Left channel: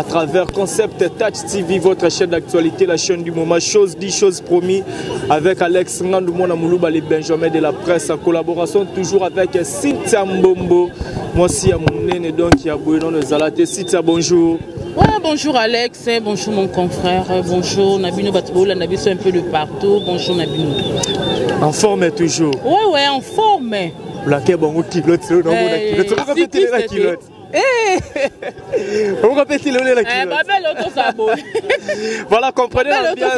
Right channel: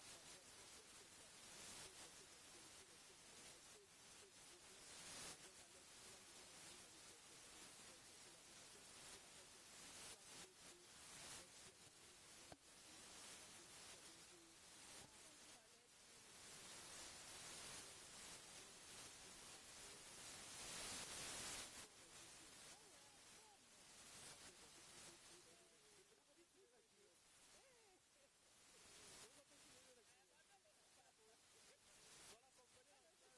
À travers Concept Touch TV, votre chaîne d'actualité, la chaîne du moment, chose dit, chose promis, avec Alex Ngandoumona Moulouba, les Benjamin de la presse, en collaboration toujours avec Cynthia Mbombo. Moi aussi, à mon nez, donc, il y a Bouillon de Zalaté. Cynthia, bonjour. Ouais, bonjour Alex, bonjour mon confrère, bonjour Nabino Batboula, Nabino un peu de partout, bonjour Nabino. En forme toujours. Ouais, en forme. Blaqué, bon, kilote, c'est le nom de la kilote. On répète le la kilote. Voilà, comprenez l'ambiance.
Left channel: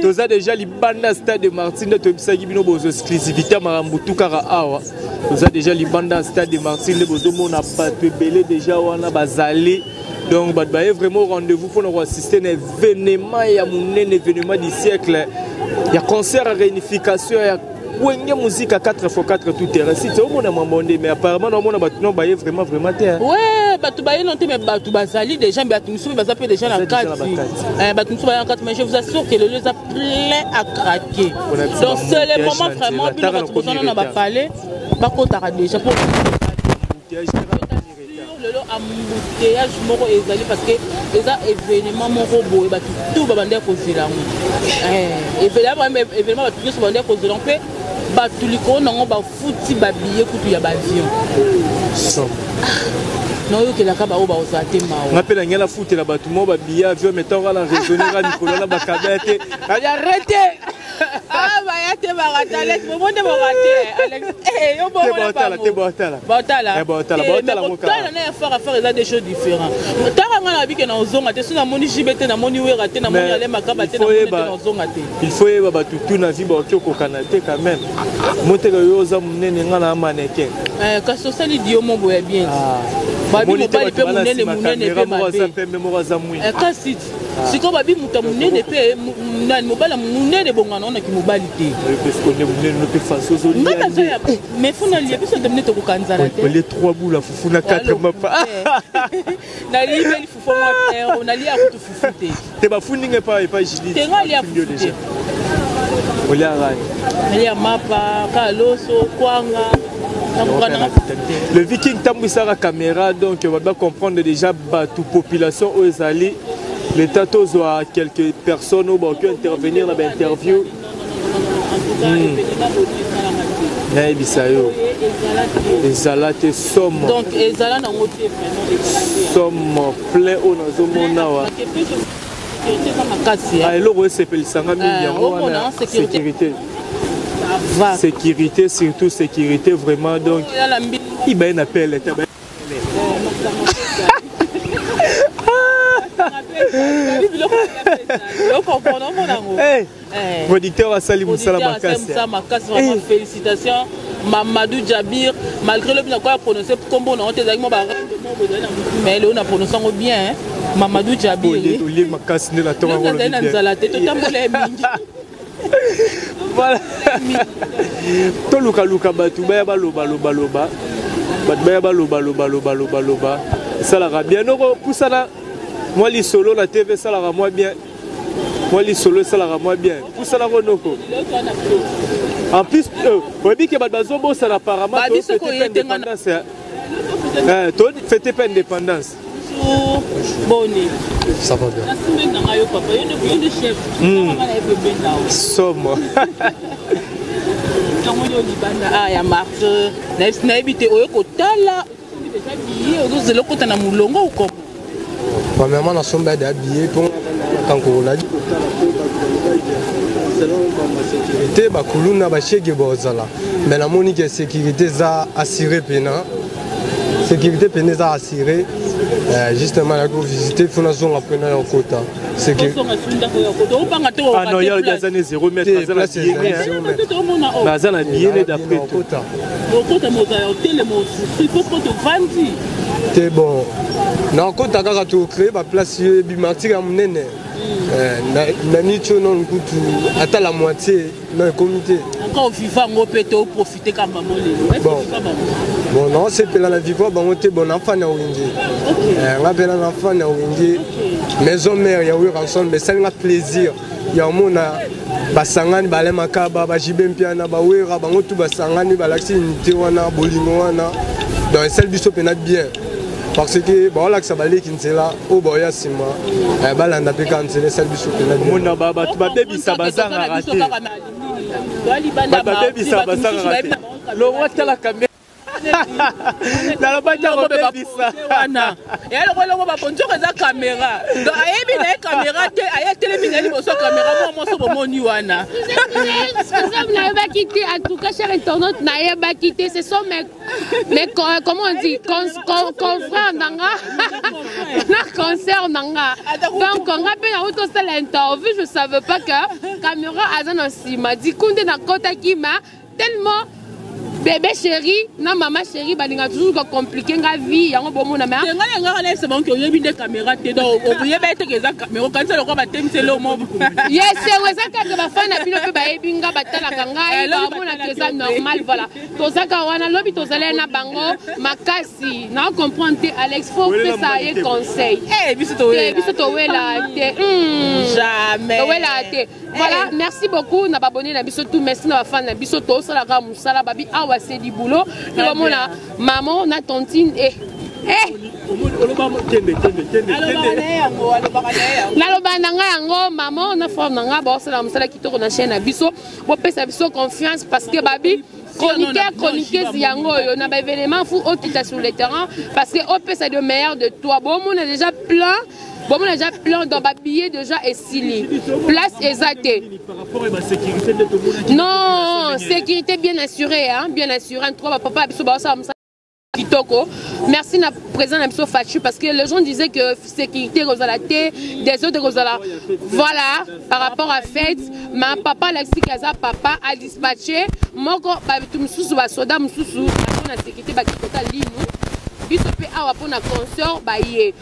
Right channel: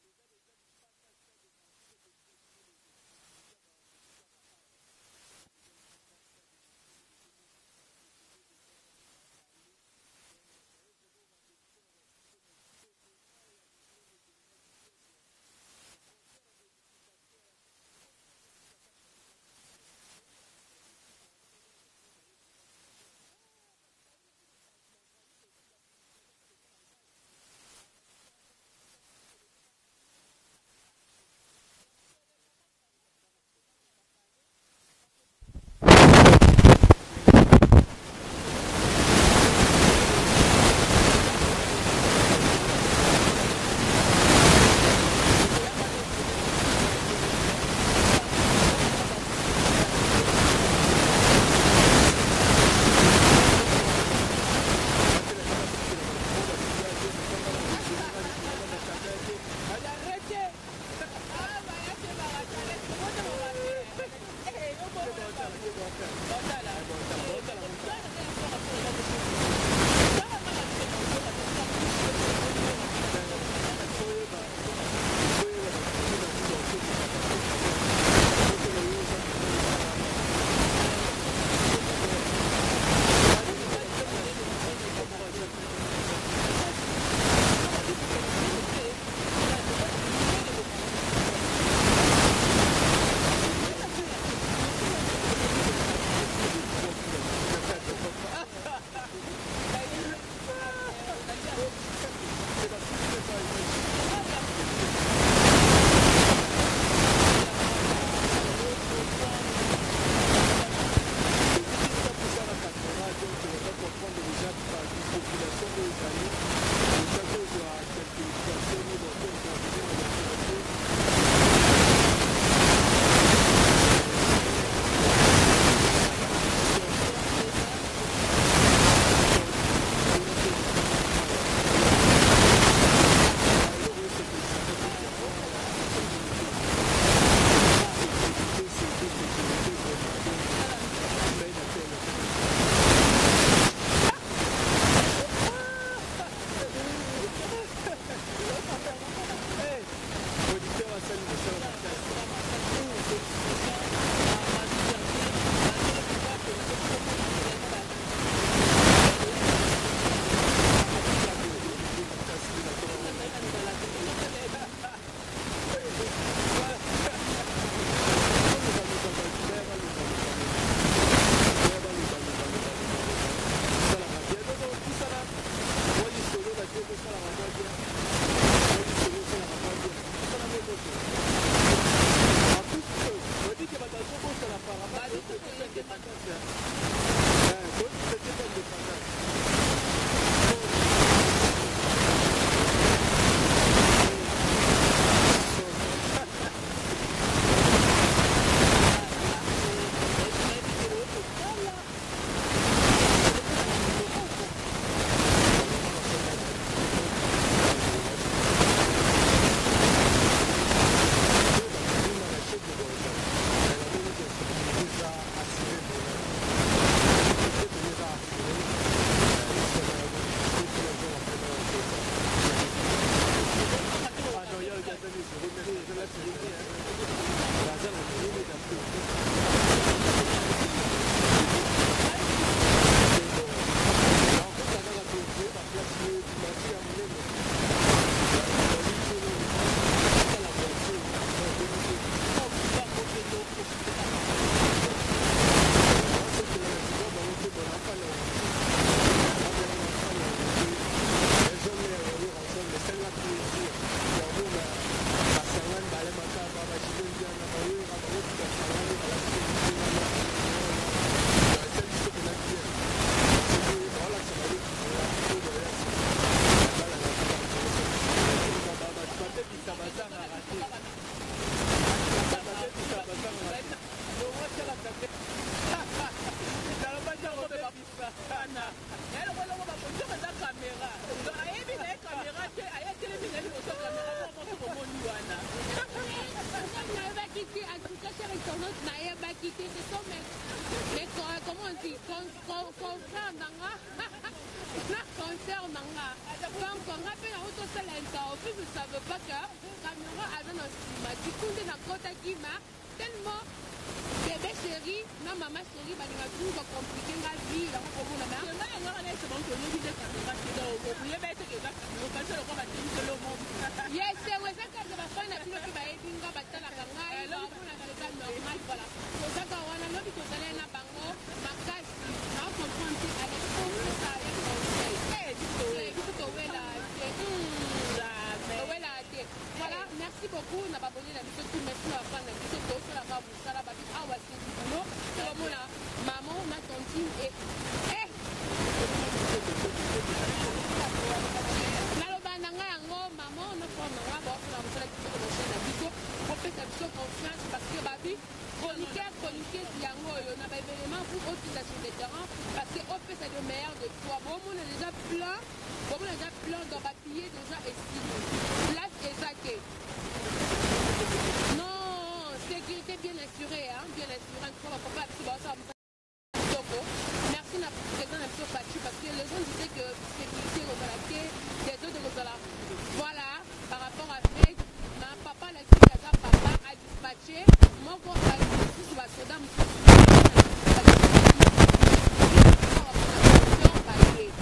Tous a déjà les bandes stade de Martine de Tobisagi Bino Bozo exclusivité Marambutu Kara Awa. Tous a déjà les bandes stade de Martine de Bozo Mona Patebele déjà wana bazali. Donc, il y a vraiment rendez-vous pour nous assister à un événement, il y a un événement du siècle. Il y a concert à réunification, il y a musique à 4x4 tout terrain. Si tu as un mais apparemment, on a vraiment terre. Ouais, mais déjà, déjà la carte. Mais je vous assure que le lieu est plein à craquer. Donc, c'est le moment vraiment, on va parler. Par contre, on a déjà ah, bah, il y a Alex, mais moi, je vais rater. Eh, on va rater. Il y a des choses différentes. Il faut y avoir tout la vie au Canada quand même. Monter le yosa mon na mannequin. Quand ça dit Dieu mon boy bien. Babi mo pas peut mon nene kasi siko babi muta munene pe nani mobala munene bongana na kimobali te. Mais funa lié parce que demne to kanzara te. Les trois bouts la funa quatre mapa. Na li beli fufu mo on ali a futu fufu te. Te ba funi nge pa jili. Te ngali a futu déjà. Il y a Mapa, Kaloso, Kwanga. Le Viking tambouissa la caméra, donc on va bien comprendre déjà toute population aux alliés. Les tatos ont quelques personnes qui vont intervenir dans l'interview. Donc, somme plein au sécurité. Sécurité, surtout sécurité, vraiment. Donc, il m'a un appel. Auditeur à Salim Moussala Makas. Félicitations. Mamadou Jabir, malgré le bien qu'on prononcé comme bon, on était avec moi. Mais on a prononcé bien. Mamadou Jabir. Voilà. Tout Luka Batu, Baloba. Ça la bien. Moi, les solo, la TV, ça la moi bien. Moi, les solo, ça la moi bien. Où ça la renoko. En plus, on dit que Bazobo, ça apparemment. Fêtez pas indépendance. Ça va bien. Somme. Ah, il y a marque. N'a évité au Tala. Vous êtes le côté de Moulongo ou quoi? Premièrement, la somme est habillée pour tant qu'on a dit. Te bakuluna bashege bozala. Mais la monique sécurité ça assuré pena. Sécurité pena ça assuré. Justement la go visiter il faut la zone après na kota. Sécurité. Ah non, il y a des années 0 mètres dans la sécurité. Dans la billet d'après kota. C'est bon. Non, quand tu as créé la place du martyr à Mounene, la nuit, tu as la moitié dans le comité. Quand on vit, on peut profiter quand même. Bon, non, c'est que la vie, on est bon enfant. On a bien un enfant. Maison mère, il y a eu ensemble, mais c'est un plaisir. Il y a un monde. Basangani bale makaba bajibe mpiana bawera bango tu basangani balaxi miti wana bolimo wana dans celle du sopena bien parce que voilà que ça va aller Kinsela au boya sima balanda pe Kinsela ça biso mona baba tu baby ça bazanga raté baby ça bazanga raté lo wata la caméra na la banja ko baby ça wana ya lo ko ba ponjo ka caméra donc ayebi na caméra te aya télévision bo so caméra mo so bo moni wana vous n'avez pas quitté en tout cas chers internautes n'avez pas quitté ce sont mais comment on dit confrères nanga na concert nanga donc on rappelle à auto c'est l'interview je savais pas que caméra azana sima di kunde na kota kima tellement bébé chéri, non maman chérie, balinga toujours compliqué nga vie, yango bomo na mais. Nga nga c'est bon que yebi des caméras te donc oublier ba te que za caméra quand ça le quoi ba temse le mo. Yes, c'est ouais ça que ba fa na bino pe ba yebi nga batala kanga, ba mona que ça normal voilà. To ça ka wana lobi to zale na bango makasi, na comprendre te Alex faut faire ça y conseil. Eh biso to là te. Jamais. Ouais là te. Voilà, merci beaucoup na abonné na biso tout merci na fan na biso to ça la ka musala babi awa c'est du boulot. Maman, on a tontine et maman, on a formé un gars, c'est la musala qui tourne la chaîne à biso. Pour faire sa confiance parce que babi. Chroniqueuse yango on a des éléments fou qui est sur le terrain parce que OP c'est le meilleur de toi. Bon, on a déjà plein. Bon, on a déjà plein dans ma billet déjà et stylé. Place exacte. Non, sécurité bien assurée, hein, bien assurée. Trois papa merci na présent na Fachu parce que les gens disaient que sécurité rosalate des autres rosalate. Voilà, par rapport à fête, ma papa Alexis Kaza papa a dispatché moko mususu ba soda mususu na sécurité ba pour na concert baye.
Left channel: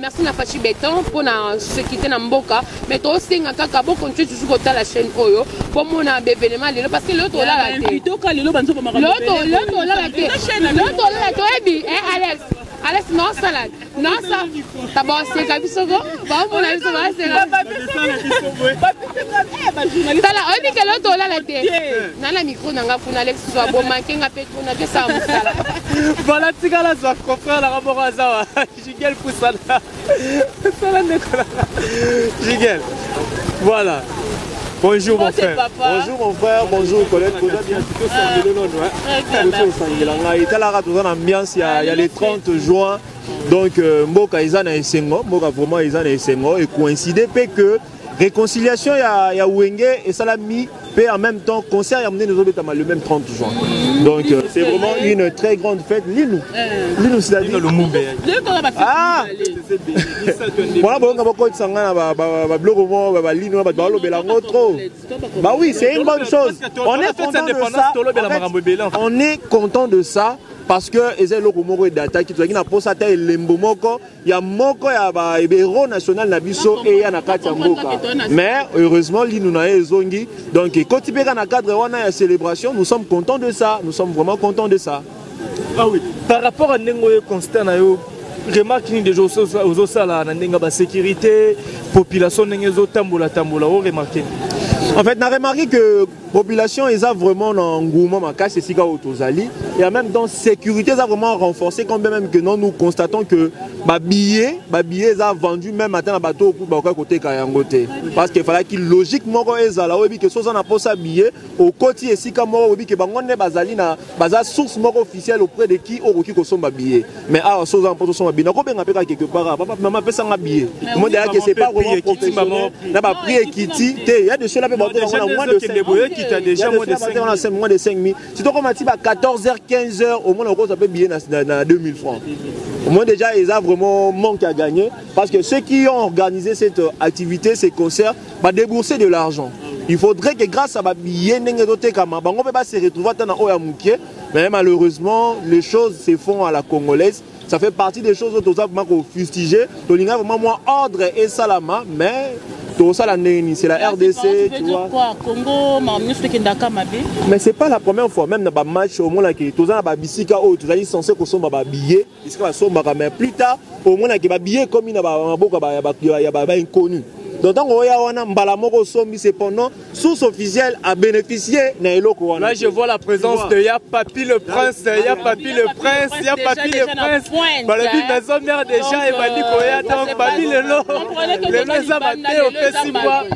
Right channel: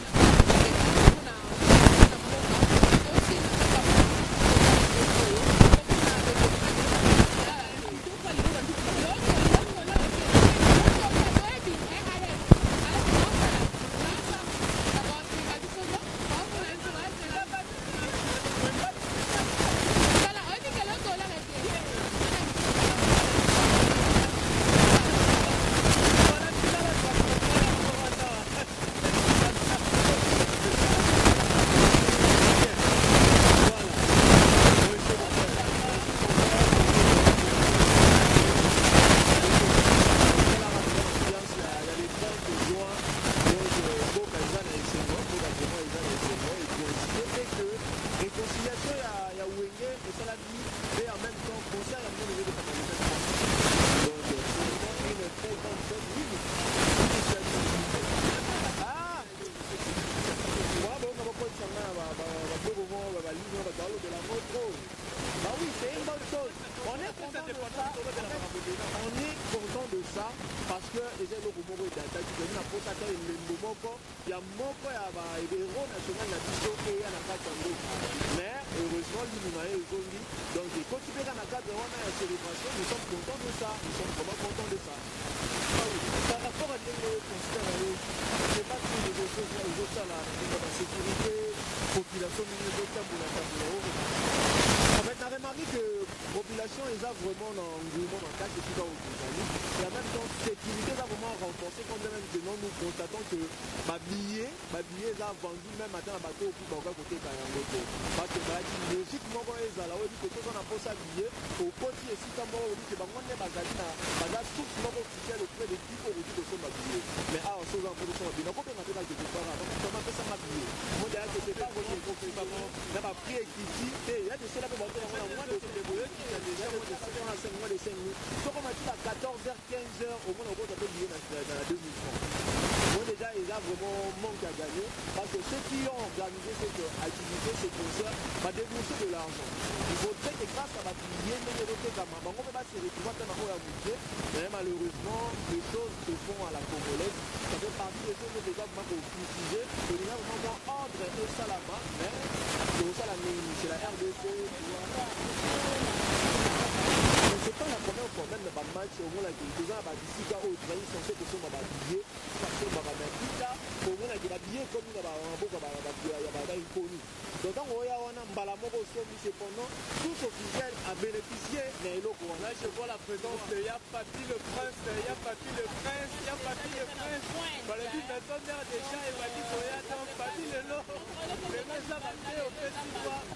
Merci na Fachi Béton pour na sécurité na mboka mais to singa kaka pour continuer toujours dans la chaîne oyo pour mon bébé de parce que l'autre là la tête l'autre là la tête Alex non ça là non ça d'abord c'est kabisoko ba mon ami ça va c'est là ça là on dit que l'autre là la tête nana micro na ngapuna Alex va bon manquer ngapé na ça voilà tigala ça comprend la rapport à ça Jigel Poussala Jigel voilà. Bonjour mon frère. Bonjour mon frère, bonjour collègue. Il y a les 30 juin. Donc Mboka Izan et Sengo, Mboka vraiment Izan et Sengo et coïncidé que réconciliation il y a Wenge et Salami et en même temps concert il y a amené le même 30 juin. Donc c'est vraiment une très grande fête. Lino c'est la dit le Moumbe. Ah. Voilà bon on va quoi sangana ba blogo ba Lino ba balo belango trop. Bah oui, c'est une bonne chose. On est content de ça. On est content de ça. Parce que les locaux data qui na posa ta lembo moko ya moko ya ba héros national na biso et ya na kati mboka mais heureusement li nous na ezongi donc quand tu peux na cadre wana ya célébration nous sommes contents de ça, nous sommes vraiment contents de ça. Ah oui, par rapport à nengo constat na yo remarque ni des choses aux sala na nenga ba sécurité population nengezo tambola o remarquer. En fait, on a remarqué que la population est vraiment en engouement, c'est et en même temps, la sécurité est vraiment renforcée, quand même que nous constatons que les billets sont vendus même matin à bateau pour côté Kayangote. Parce qu'il fallait qu'il logiquement que si on a posé un billet, au côté ici, comme on dit que on source officielle auprès de qui on consomme billet. Mais à ce moment on a billet, on a quelque part, maman fait ça un billet. Moi, que c'est pas vraiment professionnel. On a pris Kitty, il y a de ceux-là déjà moins de 5 000. Si tu as 14h, 15h, au moins on peut billet dans 2000 francs. Au moins déjà, ils ont vraiment manque à gagner. Parce que ceux qui ont organisé cette activité, ces concerts, vont débourser de l'argent. Il faudrait que grâce à billet, on ne peut pas se retrouver dans le mais malheureusement, les choses se font à la congolaise. Ça fait partie des choses que nous avons fustigées. Nous avons vraiment moins ordre et salama, mais c'est la RDC, tu vois. Mais c'est pas la première fois, même dans le match, au moins, tu es censé consommer des billets, mais plus tard, au moins, il y a des billets comme il y a inconnu. Donc on a un mbalamoko sombi cependant source officielle a bénéficié nailoko wana. Là je vois la présence de Ya Papi le Prince, Ya Papi le Prince, Ya Papi le Prince. Balobi maison mère déjà et bandi koya donc Papi le lo. Le lo za maté au festival.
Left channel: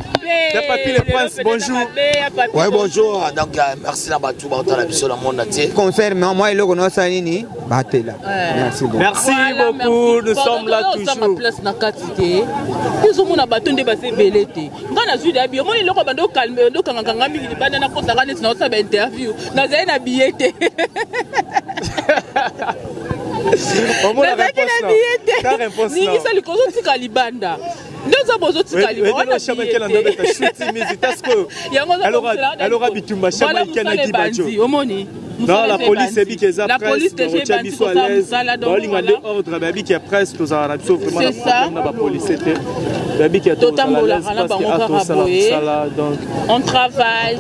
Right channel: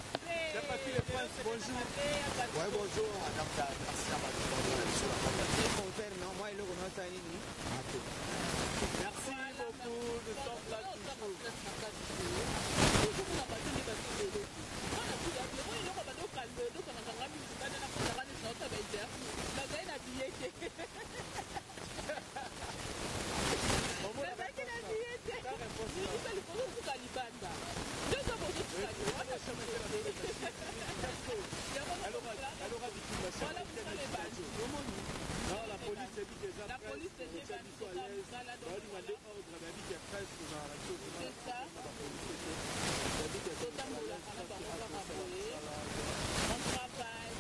Ya Papi le Prince, bonjour. Ouais, bonjour. Donc merci la batou ba la biso la monde entier. Concert mais moi il est ça nini batela. Merci beaucoup. Merci beaucoup, nous sommes là toujours. Ils ont mon bâton de basé belete. Dans la suite d'habillé, moi il est au calme, au kanganga mingi bana na kota kana sina sa interview. Na zai na billet. On m'a la réponse. Ni ça le kozo tika libanda. Nous avons besoin de Cali. On a jamais qu'elle en donne ta chute musique parce que elle aura bitumba chama ikana dibajo. Non, la police est bien qu'elle a presse, on biso à l'aise. On linga de ordre babi qui est presse tous en Arabie vraiment la police était babi qui est totalement à l'aise parce que donc on travaille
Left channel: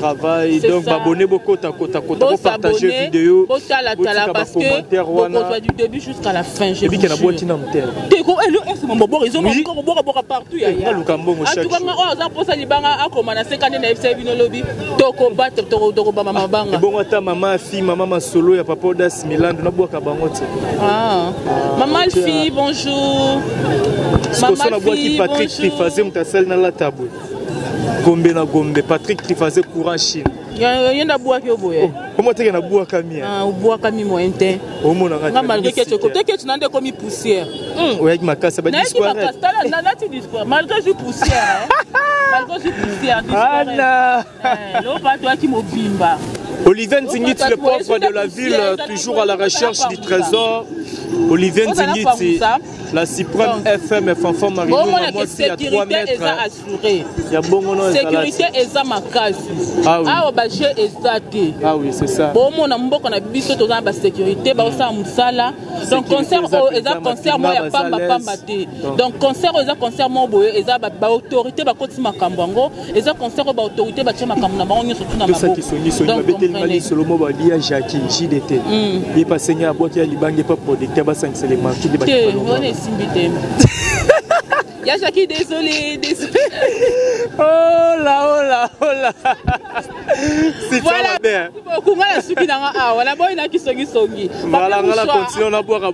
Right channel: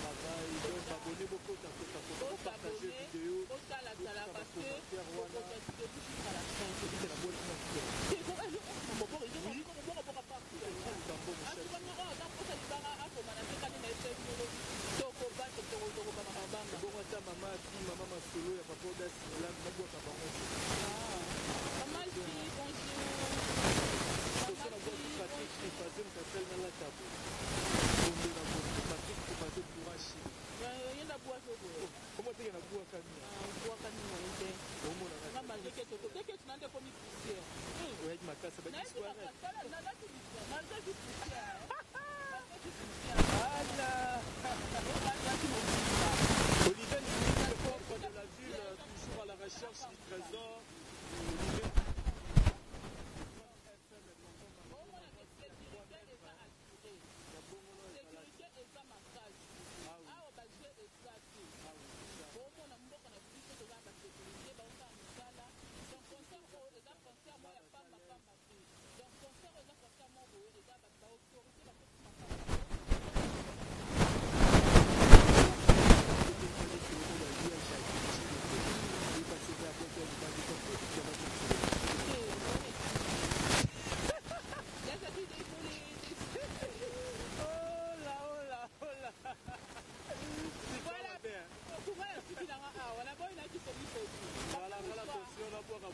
donc abonner beaucoup ta kota pour partager vidéo parce que on va du début jusqu'à la fin je dis qu'il y a boîte na mtel teko elo est mon bobo ils ont encore bobo partout ya ya lukambo chaque jour on a posé libanga akoma na 50 na FC bino lobby toko battre toko ba mama banga bon ata mama fille mama solo ya papa Das Milan na boka bango te maman fille bonjour maman fille Patrick Trifazé mtasel na la table gombe na gombe Patrick Trifazé courant Chine yenda boaka oboye comment te na boaka mia boaka mi moyen o mona nga malgré que tu côté que tu n'as comme poussière avec ma casse ba disparaître là tu disparaît malgré que poussière malgré que poussière Anna l'eau pas toi qui m'obimba Olivier Nzingiti, le pauvre de la ville, toujours à la recherche du trésor. Olivier Nzingiti, la suprême FM Fanfan Marino, moi aussi à 3 mètres. Il y a bon nom. Sécurité est ma case. Ah oui. Ah oui, c'est ça. Bon, mon amour, on a bis de la sécurité, donc concert concert moi ya pamba pamba te. Donc concert concert moi boye eza ba autorité ba koti makambango, eza concert ba autorité ba tchama makambo na bango ni surtout na mabo. Donc Mali Solomo ba dia Jackie JDT. Il passe à boîte ya libange pas producteur ba 5 éléments qui débat. On est simbité. Ya Jackie désolé. Oh là. C'est voilà. Beaucoup ngala suki na voilà boy na kisongi songi. Voilà ngala continue na boire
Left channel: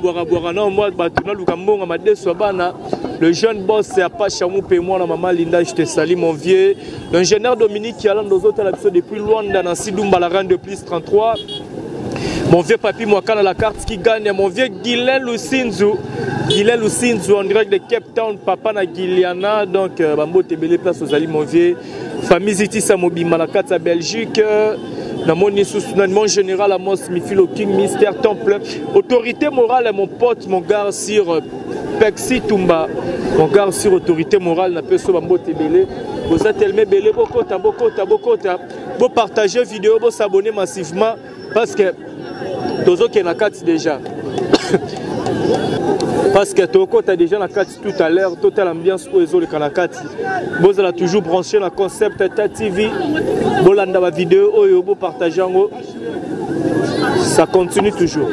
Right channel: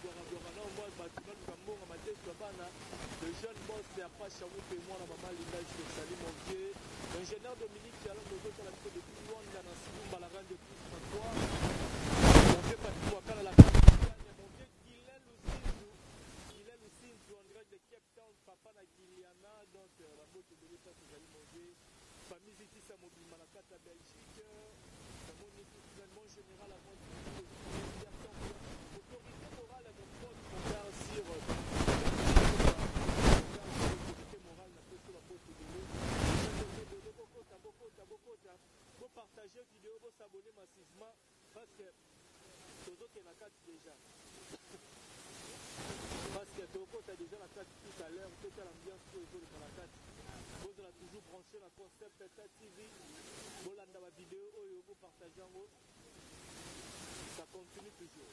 non moi batuna lukambo ma deso bana. Le jeune boss c'est Apache Moupe moi na maman Linda je te salue mon vieux. L'ingénieur Dominique qui allant dans autres depuis Luanda dans Sidumba la rang de plus 33. Mon vieux Papi Mwakana la carte qui gagne, mon vieux Guylaine Lusinzu en direct de Cape Town, papa na Guyliana, donc Bambo Tebele place aux alliés, mon vieux. Famille Ziti Samobi Malakata Belgique, dans mon général Amos Mifilo King, Mystère Temple. Autorité morale, mon pote, mon gars sur Pexi Tumba, mon gars sur autorité morale, n'a pas so Bambo Tebele. Vous êtes tellement belé, bokota. Vous partagez vidéo, vous s'abonnez massivement parce que Tozo qui est na carte déjà. Parce que Toko tu as déjà la carte tout à l'heure, totale ambiance pour les autres Kanakati. Vous allez toujours brancher la concept Tata TV. Bolanda la vidéo, vous partagez, ça continue toujours.